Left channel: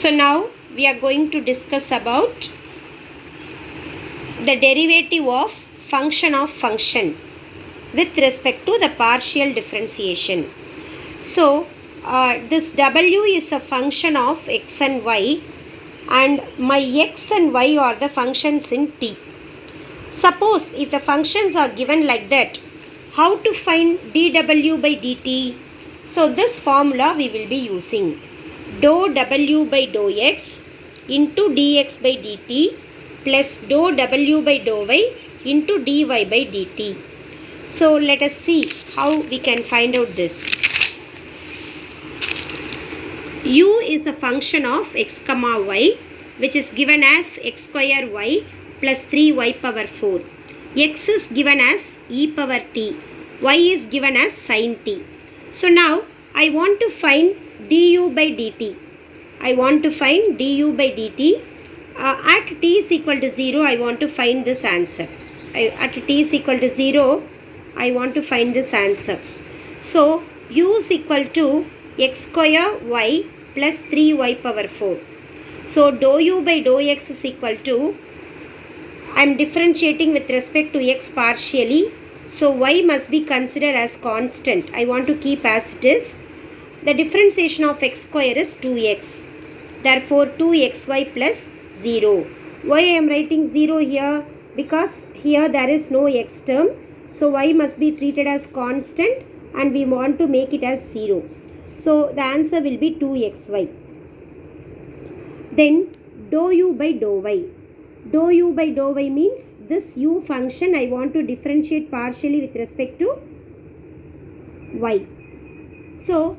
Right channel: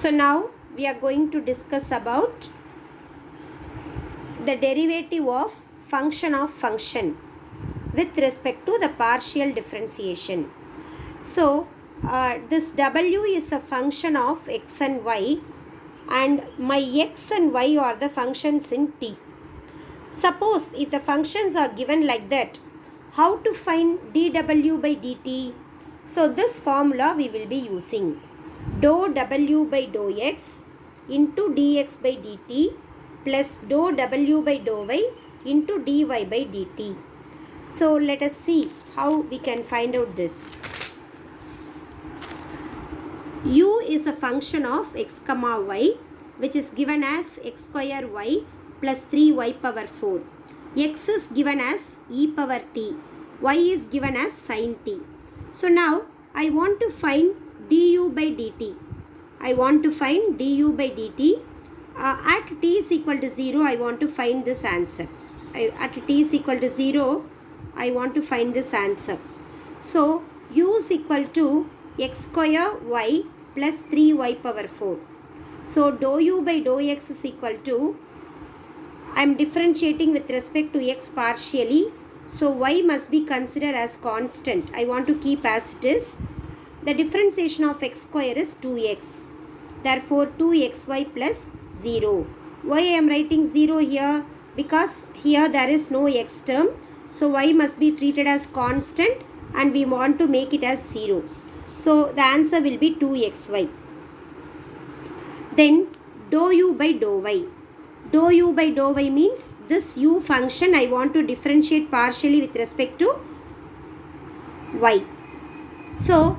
So now we are going to discuss about the derivative of function with respect to the partial differentiation. So this w is a function of x and y, and my x and y are the functions in t. Suppose if the functions are given like that, how to find dw by dt? So this formula we will be using. Dou w by dou x into dx by dt plus dou w by dou y into dy by dt. So let us see how we can find out this. U is a function of x comma y, which is given as x square y plus 3y power 4. X is given as e power t. Y is given as sin t. So now I want to find du by dt. I want to find du by dt. At t is equal to 0, I want to find this answer. At t is equal to 0, I want to find this answer. So u is equal to x square y plus 3y power 4. So dou u by dou x is equal to, I am differentiating with respect to x partially. So y must be considered as constant. I want to keep as it is. The differentiation of x square is 2x. Therefore 2xy plus 0. Why I am writing 0 here? Because here there is no x term. So y must be treated as constant and we want to make it as 0. So the answer will be 2xy. Then dou u by dou y. Dou u by dou y means this u function I want to differentiate partially with respect to y. So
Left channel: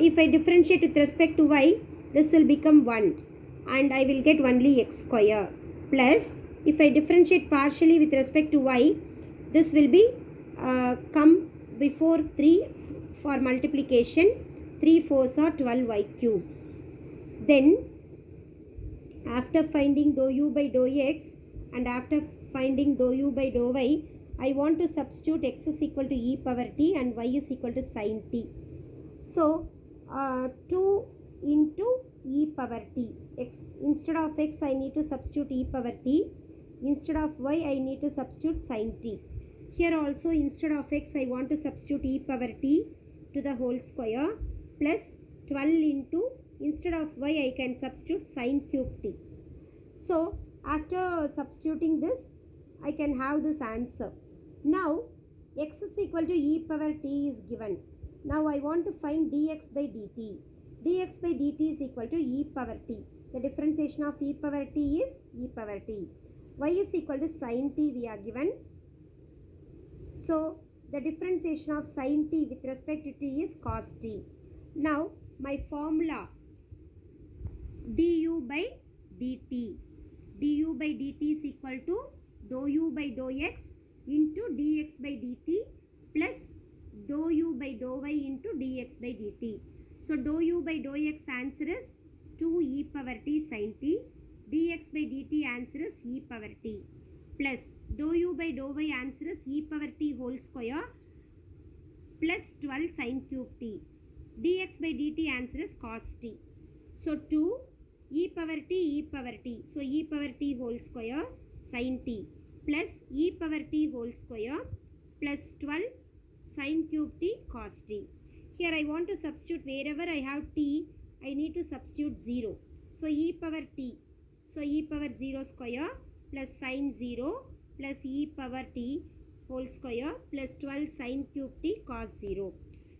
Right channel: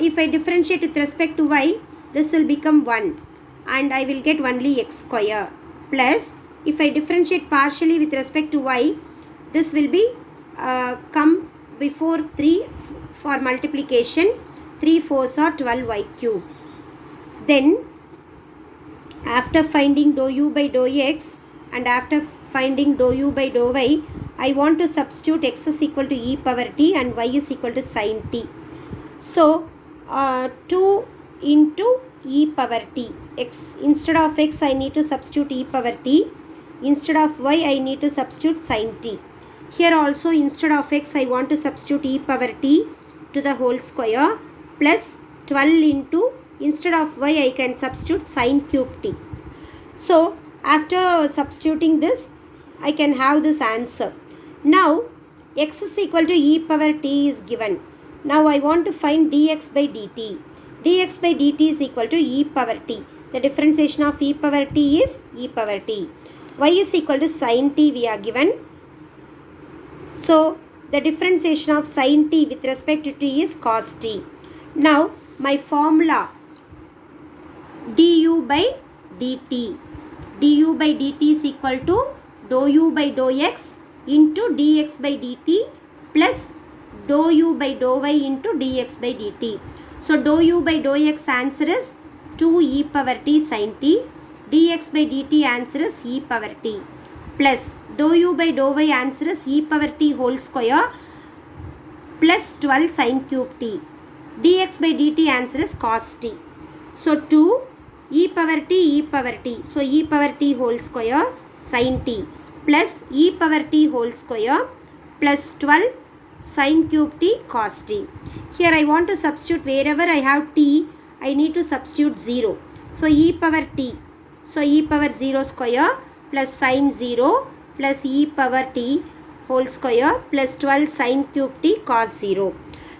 if I differentiate with respect to y, this will become 1 and I will get only x square, plus if I differentiate partially with respect to y, this will be come before 3 for multiplication. 3 4s are 12y cube. Then after finding dou u by dou x and after finding dou u by dou y, I want to substitute x is equal to e power t and y is equal to sin t. So 2 into e power t. X, instead of x I need to substitute e power t. Instead of y I need to substitute sin t. Here also instead of x I want to substitute e power t to the whole square plus 12 into, instead of y I can substitute sin cube t. So after substituting this I can have this answer. Now x is equal to e power t is given. Now I want to find dx by dt. Dx by dt is equal to e power t. The differentiation of e power t is e power t. Y is equal to sin t we are given. So the differentiation of sin t with respect to t is cos t. Now my formula du by dt. Du by dt is equal to dou u by dou x into dx by dt plus dou u by dou y into dx by dt. So dou u by dou x answer is 2 e power t sin t. Dx by dt answer is e power t plus dou u by dou y answer is e power t whole square plus 12 sin cube t. Dx by dt answer is cos t. So 2 e power t. So e power t whole square sin t plus e power t whole square plus 12 sin cube t cos t. Here I want to substitute wherever I have t, I need to substitute 0. So e power t. So e power 0 square plus sin 0 plus e power t whole square plus 12 sin cube t cos 0.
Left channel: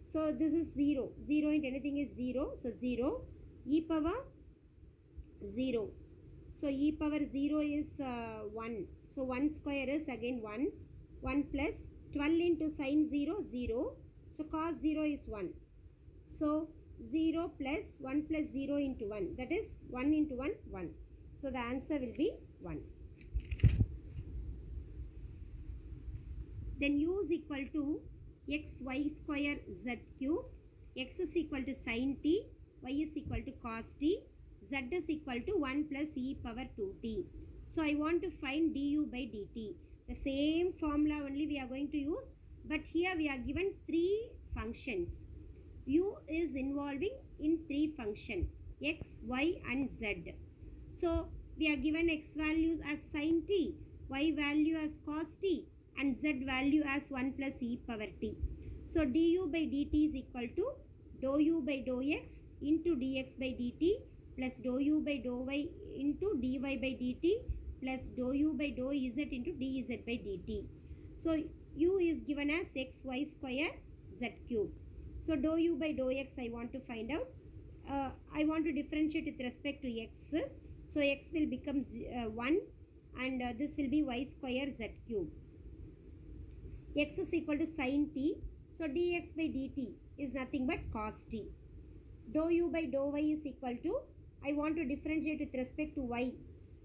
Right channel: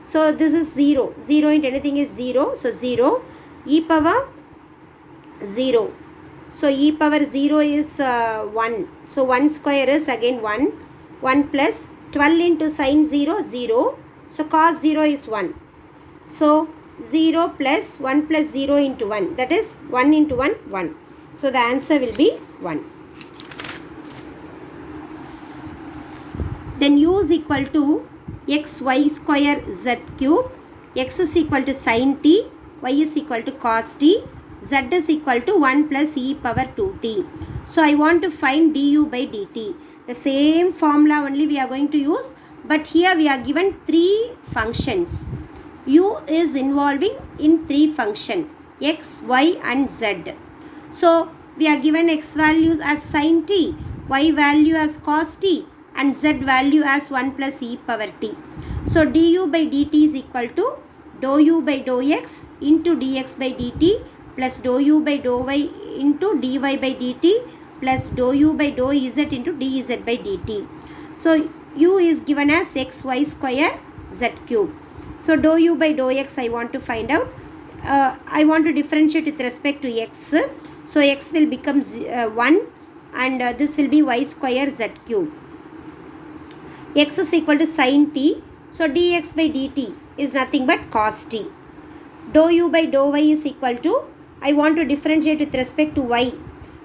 So this is 0. 0 into anything is 0. So 0 e power 0. So e power 0 is 1. So 1 square is again 1. 1 plus 12 into sin 0, 0. So cos 0 is 1. So 0 plus 1 plus 0 into 1. That is 1 into 1, 1. So the answer will be 1. Then u is equal to x y square z cube. X is equal to sin t. Y is equal to cos t. Z is equal to 1 plus e power 2t. So I want to find du by dt. The same formula only we are going to use, but here we are given 3 functions. U is involving in 3 functions. x, y and z. So we are given x values as sin t, y value as cos t and z value as 1 plus e power t. So du by dt is equal to dou u by dou x into dx by dt plus dou u by dou y into dy by dt plus dou u by dou z into dz by dt. So u is given as x y square z cube. So dou u by dou x I want to find out. I want to differentiate with respect to x. So x will become 1 and this will be y square z cube. X is equal to sin t. So dx by dt is nothing but cos t. Dou u by dou y is equal to, I want to differentiate with respect to y.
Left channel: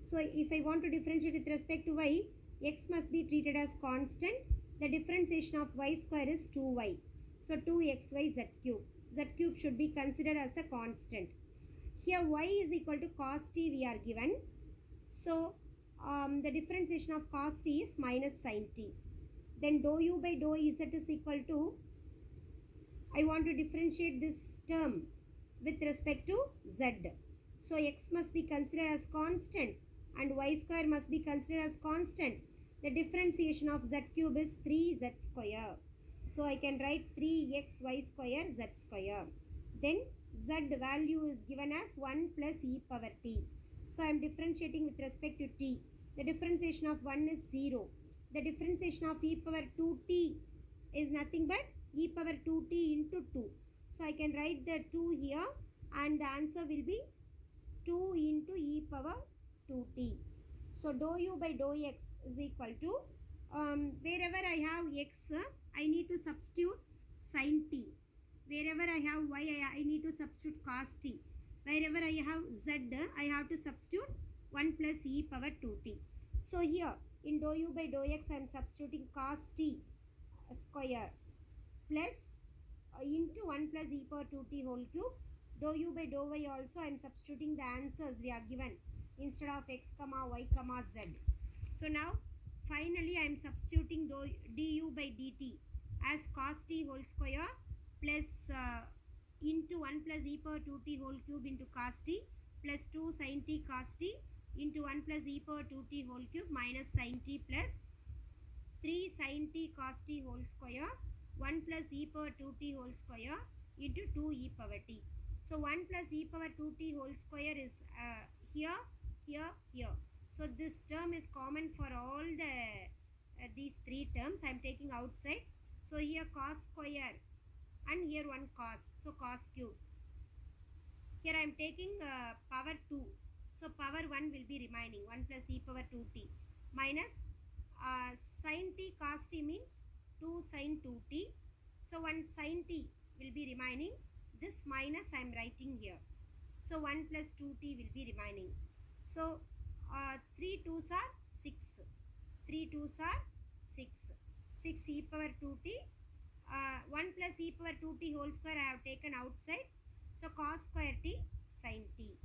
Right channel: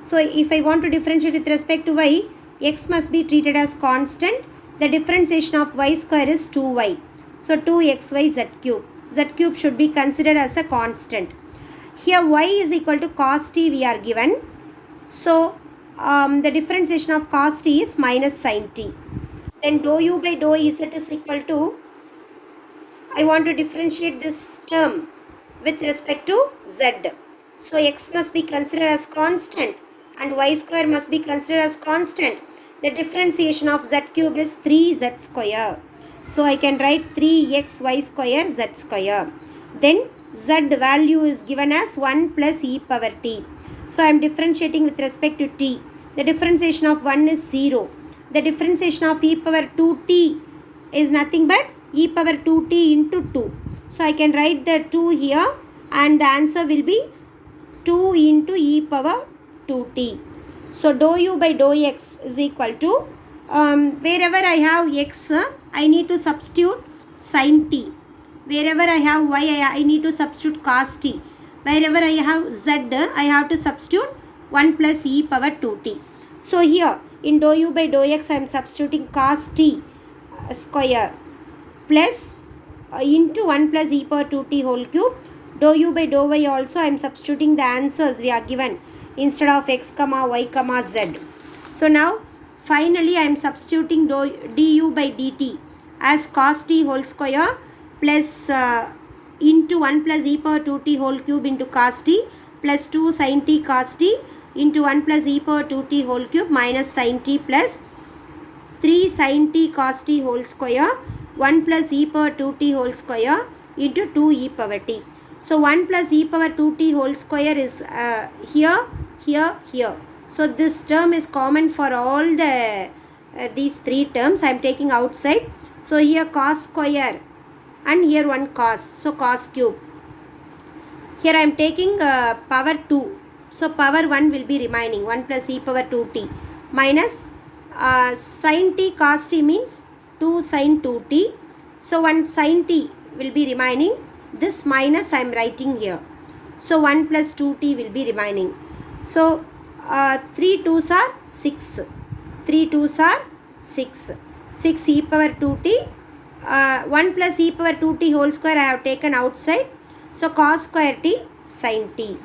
So if I want to differentiate with respect to y, x must be treated as constant. The differentiation of y square is 2y. So 2xy z cube. Z cube should be considered as a constant. Here y is equal to cos t we are given. So the differentiation of cos t is minus sin t. Then dou u by dou z is equal to, I want to differentiate this term with respect to z. So x must be considered as constant and y square must be considered as constant. The differentiation of z cube is 3z square. So I can write 3xy square z square. Then z value is given as 1 plus e power t. So I am differentiating with respect to t. The differentiation of 1 is 0. The differentiation of e power 2t is nothing but e power 2t into 2. So I can write the 2 here and the answer will be 2 into e power 2t. So dou u by dou x is equal to, wherever I have x, I need to substitute sin t. Wherever I have y, I need to substitute cos t. Wherever I have z, I have to substitute 1 plus e power 2t. So here in dou u by dou x, I am substituting cos t square plus into 1 plus e power 2t whole cube. Dou u by dou y also I am substituting the answers we are given instead of x comma y comma z. So now finally I am substituting du by dt as cos t whole square plus into 1 plus e power 2t whole cube into cos t plus 2 sin t cos t into 1 plus e power 2t whole cube minus sin t plus 3 sin t cos t whole square 1 plus e power 2t whole square into 2 e power t. So 1 plus e power 2t whole square is here, here, here. So this term is common for all the these three terms. I am taking outside. So here cos square and here one cos. So cos cube. Here I am taking power 2. So power 1 will be remaining. 1 plus e power 2t minus sin t cos t means 2 sin 2t. So 1 sin t will be remaining. This minus I am writing here. So 1 plus 2t will be remaining. So 3 2s are 6. 3 2s are 6. 6 e power 2t. 1 plus e power 2t whole square I have taken outside. So cos square t sin t.